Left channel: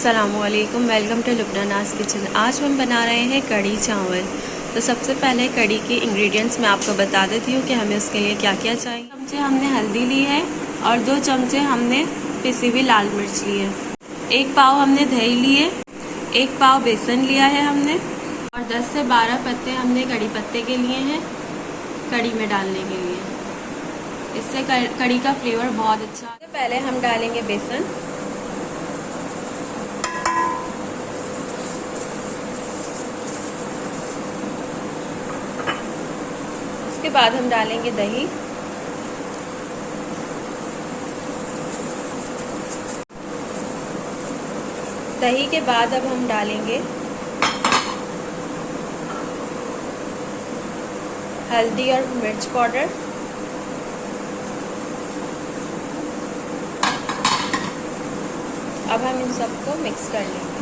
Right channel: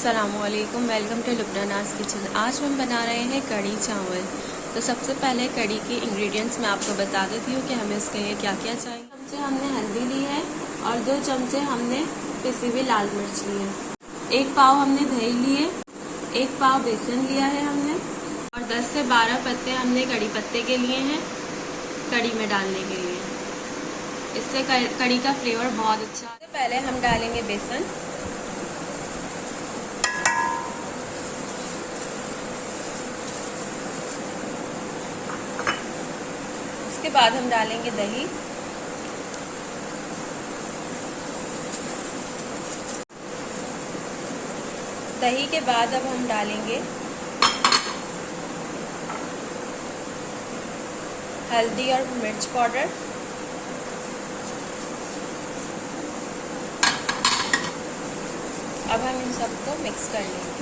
अस्सलामुअलैकुम, welcome to लुबनानाज़ kitchen. आज हम बना रहे हैं कढ़ी चावल। तो सबसे पहले कढ़ी के इंग्रेडिएंट्स मैं आपको बता देती हूँ कि हमें उसके लिए क्या क्या चाहिए। 2 चमचे हमने हल्दी ली है और 2 चमचे हमने पिसी हुई लाल मिर्च ली है। 1 पाव हमने दही लिए, 1 पाव बेसन लिया है हमने, और 10 से 12 पत्ते हमने कढ़ी पत्ते के लिए हैं कढ़ी में डालने के लिए। इससे कढ़ी का फ्लेवर बहुत अच्छा है। पहले हम डालेंगे बेसन, उसके बाद हम डालेंगे दही, दही के बाद अब हम डालेंगे हल्दी और मिर्च पाउडर, अब हम इन सबको मिक्स कर लेंगे।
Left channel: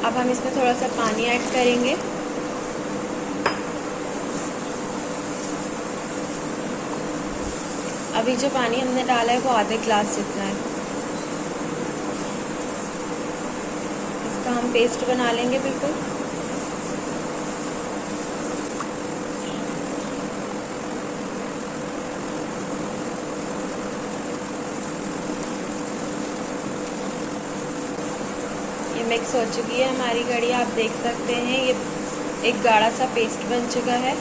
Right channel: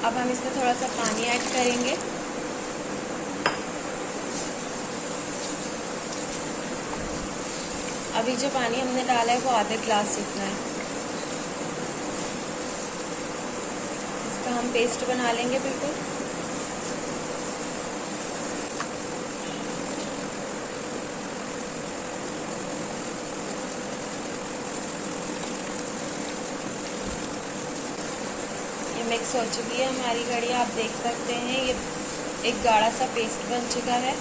अब हम इसमें थोड़ा सा पानी ऐड करेंगे। अभी जो पानी हमने डाला है वो आधे ग्लास जितना है। इसका हम पेस्ट बना लेंगे बिल्कुल। ये मिक्स हो चुकी है हमारी कढ़ी, आप देख सकते हैं ये एक गाढ़ा सा पेस्ट बन चुका है।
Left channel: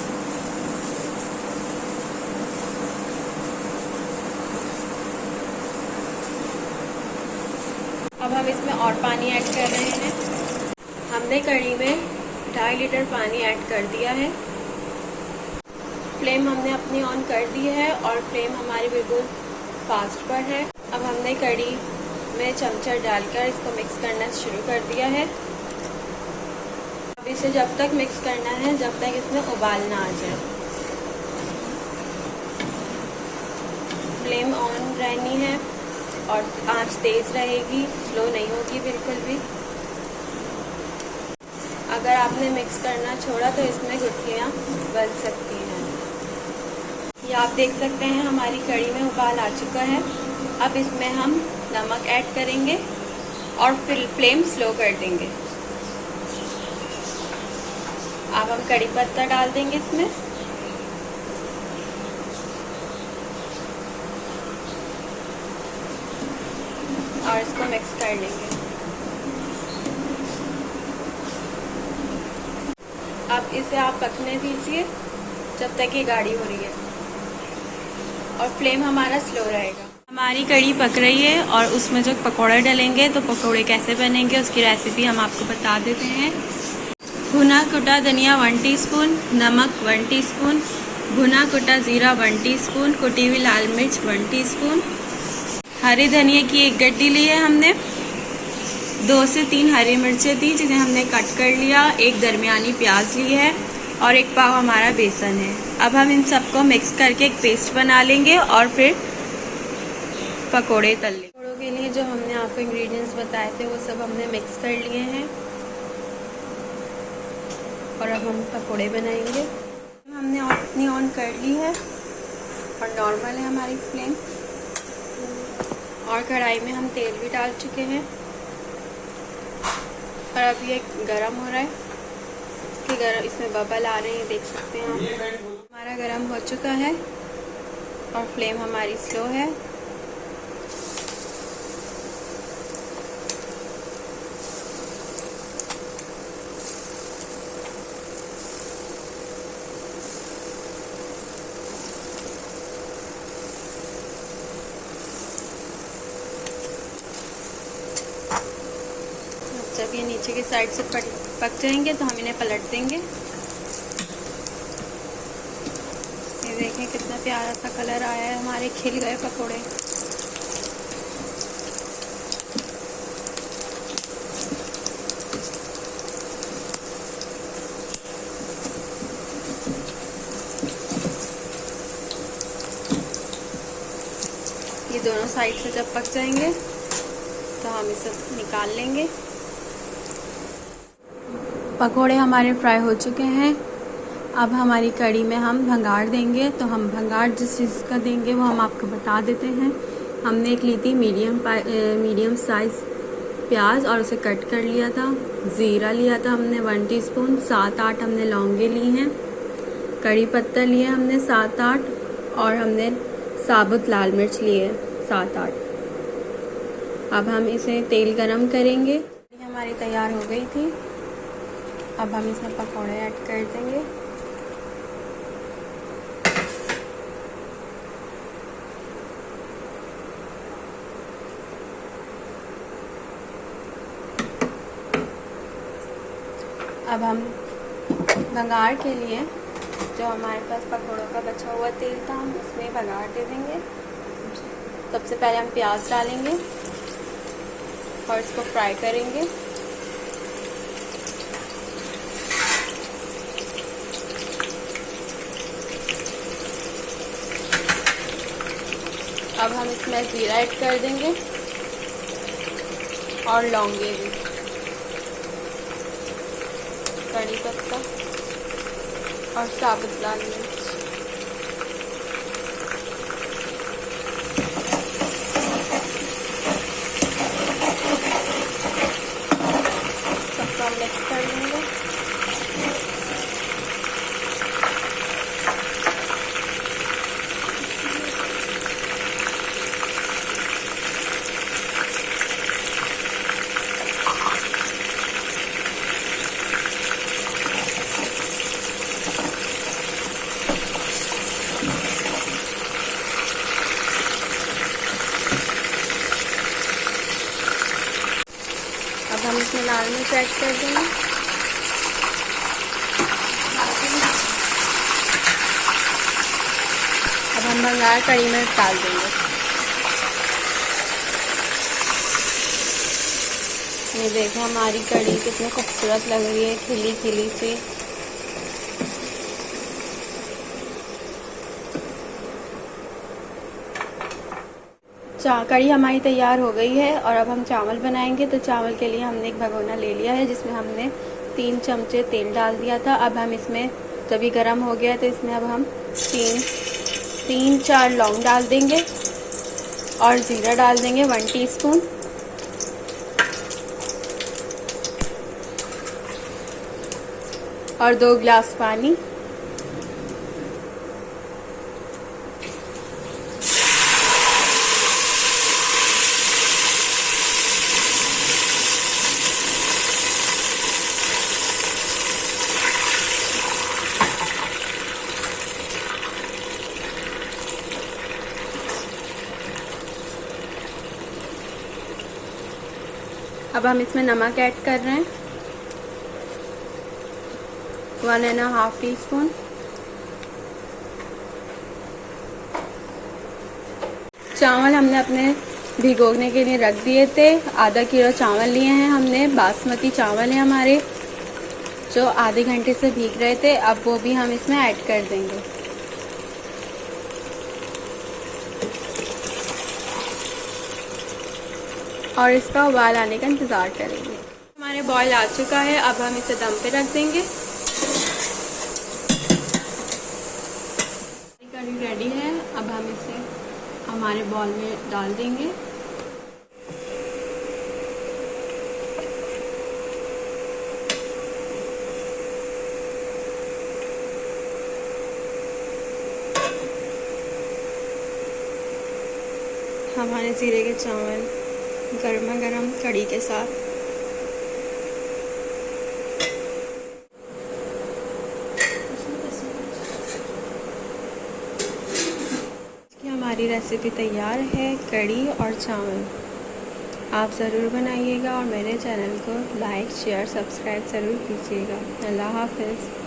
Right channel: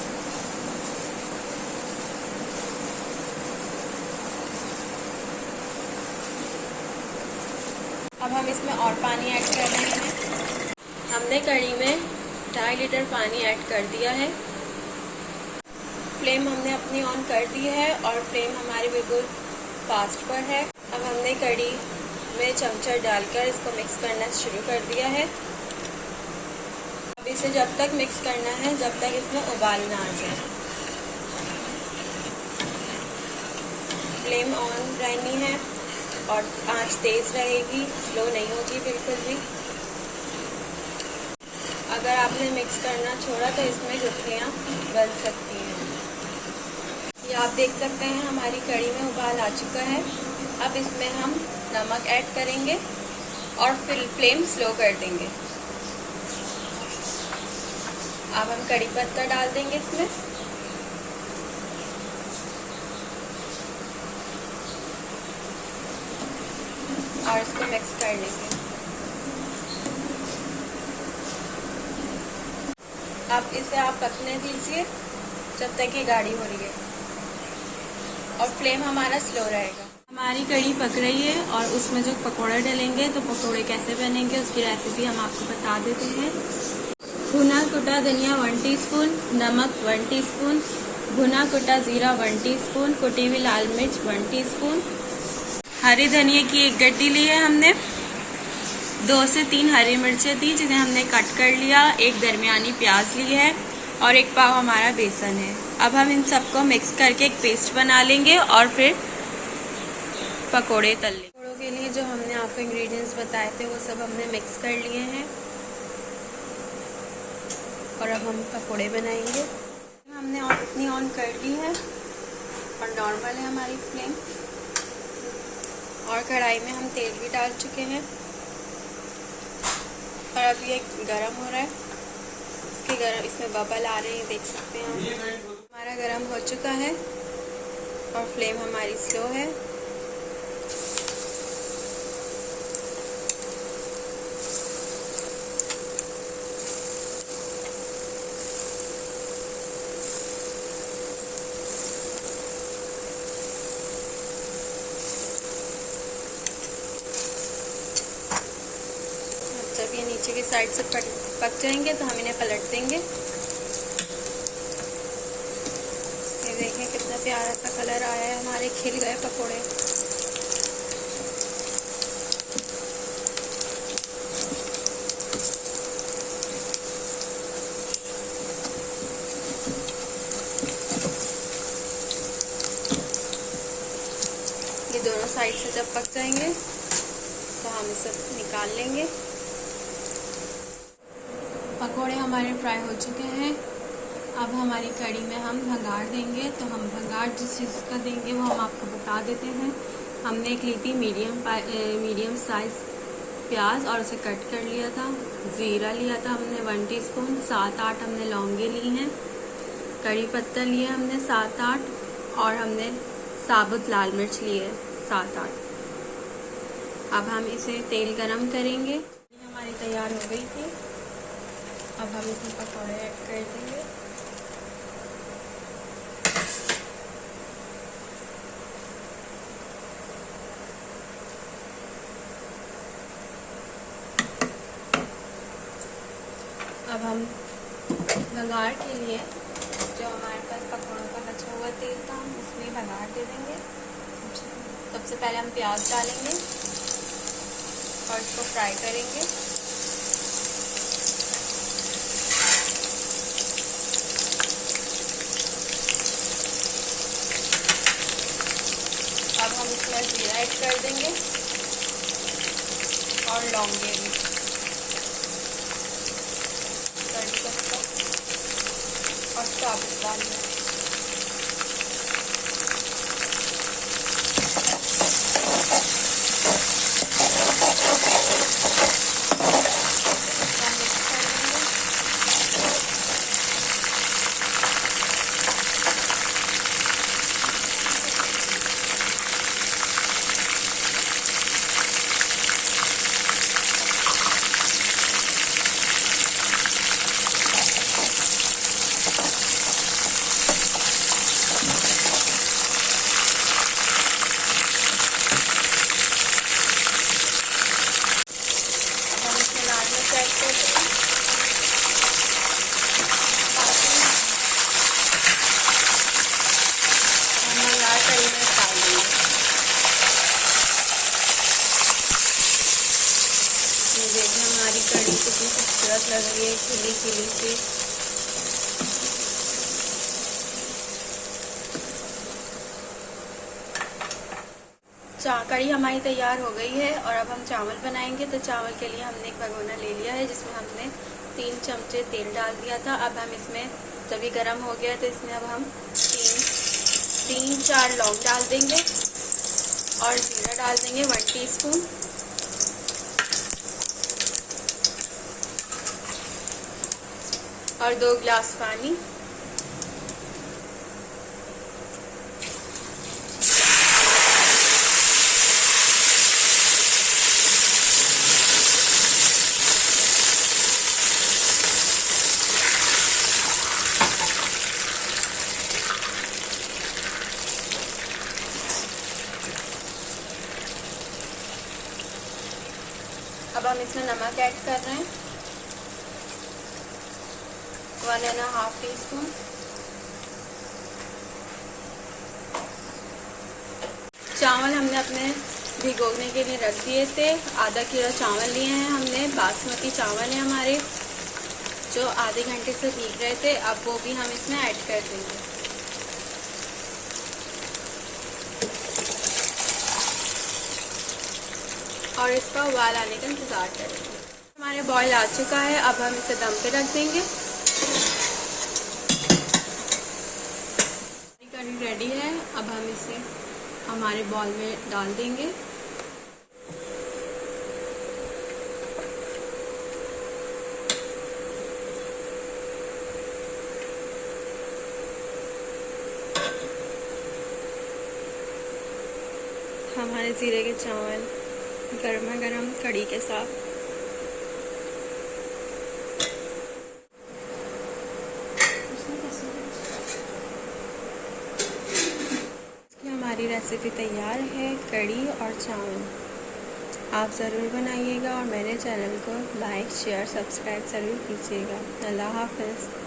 अब हम इसमें और पानी ऐड कर रहे हैं। हमने कढ़ी में 2.5 लीटर पानी ऐड कर दिया है। फ्लेम हमने अपनी ऑन कर दी है और फ्लेम हमारी बिल्कुल फास्ट पर है। अब हमने कढ़ी में चमचा डालकर इसको मिक्स करना शुरू कर दिया है। अब इसे जब तक मिक्स करना है जब तक इसमें उबाल ना आ जाए। फ्लेम ऑन रहनी है और आंच तेज रहेगी, स्लो नहीं होगी बिल्कुल भी। अगर आपने मिक्स करना छोड़ा तो इसमें गुठलियाँ बन सकती हैं। ये आप देख सकते हैं हमारी कढ़ी में उबाल आ चुका है। अब इसमें हम नमक ऐड करेंगे और फिर फ्लेम स्लो कर देंगे। अब हम कड़ी पत्ता डाल देंगे इसमें, और इसको मिक्स कर लेंगे। अब इसे आप पकने दीजिए जब तक ये गाढ़ी हो रही है, और फ्लेम हमारा स्लो रहेगा। हमारी कढ़ी पक रही है और उसमें जो पकोड़े डलेंगे, तो पकोड़े कैसे बनेंगे उसकी रेसिपी हम आपको बता देते हैं। भुना कुटा धनिया 1 टीस्पून, नमक 1 टीस्पून, भुना कुटा जीरा 1 टीस्पून, कुटी हुई लाल मिर्च 1 टीस्पून, हरी धनिया की 1 गड्डी ली है हमने, 2 से 3 हरी मिर्चें थी जिन्हें हमने कट कर लिया, 1 दरमियानी प्याज ली है और 1 पाव हमारा बेसन है। अब हम इन सबको मिक्स करके एक पेस्ट बना लेंगे और फिर पकोड़े तल लेंगे। पकोड़ों के लिए जो हमने आपको इंग्रेडिएंट्स बताए थे वो सब हमने मिक्स कर लिए हैं और अब हम पकोड़े बनाएंगे। हमने अपनी ऑन कर ली है और नॉर्मल है हमारी फ्लेम, और कढ़ाई में हम तेल भी डाल चुके हैं और अब ये गरम हो रहा है। इसमें बबल आ रहे हैं, देख सकते हैं आप। हमारा गरम हो चुका है और फ्लेम हमारी स्लो है। जब ये नीचे की साइड से पक जाएंगे तो हम इन्हें पलट देंगे। ये देखें कितना प्यारा सा कलर आया है, हमारे खिल गए पकोड़े। दोनों साइड से जब पक जाएंगे तो हम इसे निकाल लेंगे। पकोड़े हमारे फ्राई हो चुके हैं। अब हमारी कढ़ी में हम भंगार देंगे। तो हम भंगार जिस चीज़ का देंगे वो हम आपको बता देते हैं। हमने एक ली थी मीडियम साइज प्याज और उसे कट कर लिया था। ज़ीरा लिया था हमने 1 टीस्पून। 7-8 हमने लौंगे ली हैं। कड़ी पत्ता लिए हमने 7-8 और हमने साबुत लाल मिर्च लिए 7-8। अब हम इसे तेल गरम करेंगे। ये हमारी तैयार हो गई थी। अब हम इसमें पकौड़े ऐड कर देंगे। अब हम भंगार के लिए जो हमारे पास पकौड़ों का बचा हुआ तेल था हम उसमें भंगार दे देंगे। सबसे पहले हम प्याज डालेंगे और इसको फ्राई करेंगे। अब हम इसमें जीरा ऐड कर देंगे और लौंगे भी, कड़ी पत्ता और साबुत लाल मिर्च। सबको मिक्स कर लेंगे। हम इसमें लाल मिर्च ऐड कर देंगे। अब हम भंगार कढ़ी में डाल देंगे। ये देखिए हमारी कढ़ी कितनी खूबसूरत लग रही है, खिली खिली सी। कढ़ी हमारी तैयार हो गई है और अब हम चावल बनाएंगे। तो चावल के लिए हमने एक भगोना ले लिया है जिसमें हमने 3 चमचे तेल डाल दिया था। अब हम इसमें जब ये गर्म हो गया तो इसमें अब हम 3-4 लौंग डाल देंगे और ज़ीरा डाल देंगे 1 टीस्पून। और 2 गिलास पानी। अब हम इसमें नमक ऐड कर रहे हैं 1½ टीस्पून। चावल हमने अपने भिगोने के लिए रख दिए थे। आधा किलो चावल लिए हैं हमने। बासमती चावल है हमारे जो आधे घंटे से भीग रहे थे। अब वो भी हम इसमें ऐड कर देंगे। और इसका उबाल आने का इंतज़ार करेंगे। हमारे बॉयल आ चुका है। अब हम इसे दम पे रख देंगे। कढ़ी रेडी है। अब हम इसे हमारे बॉल में डाल देंगे। हमारे ज़ीरे के चावल गर्मा गर्म कढ़ी के साथ। हमारी रेसिपी तैयार है, कढ़ी और चावल। आप ज़रूर बनाइएगा और मेरे चैनल को लाइक शेयर सब्सक्राइब ज़रूर कीजिएगा। अल्लाह हाफ़िज़।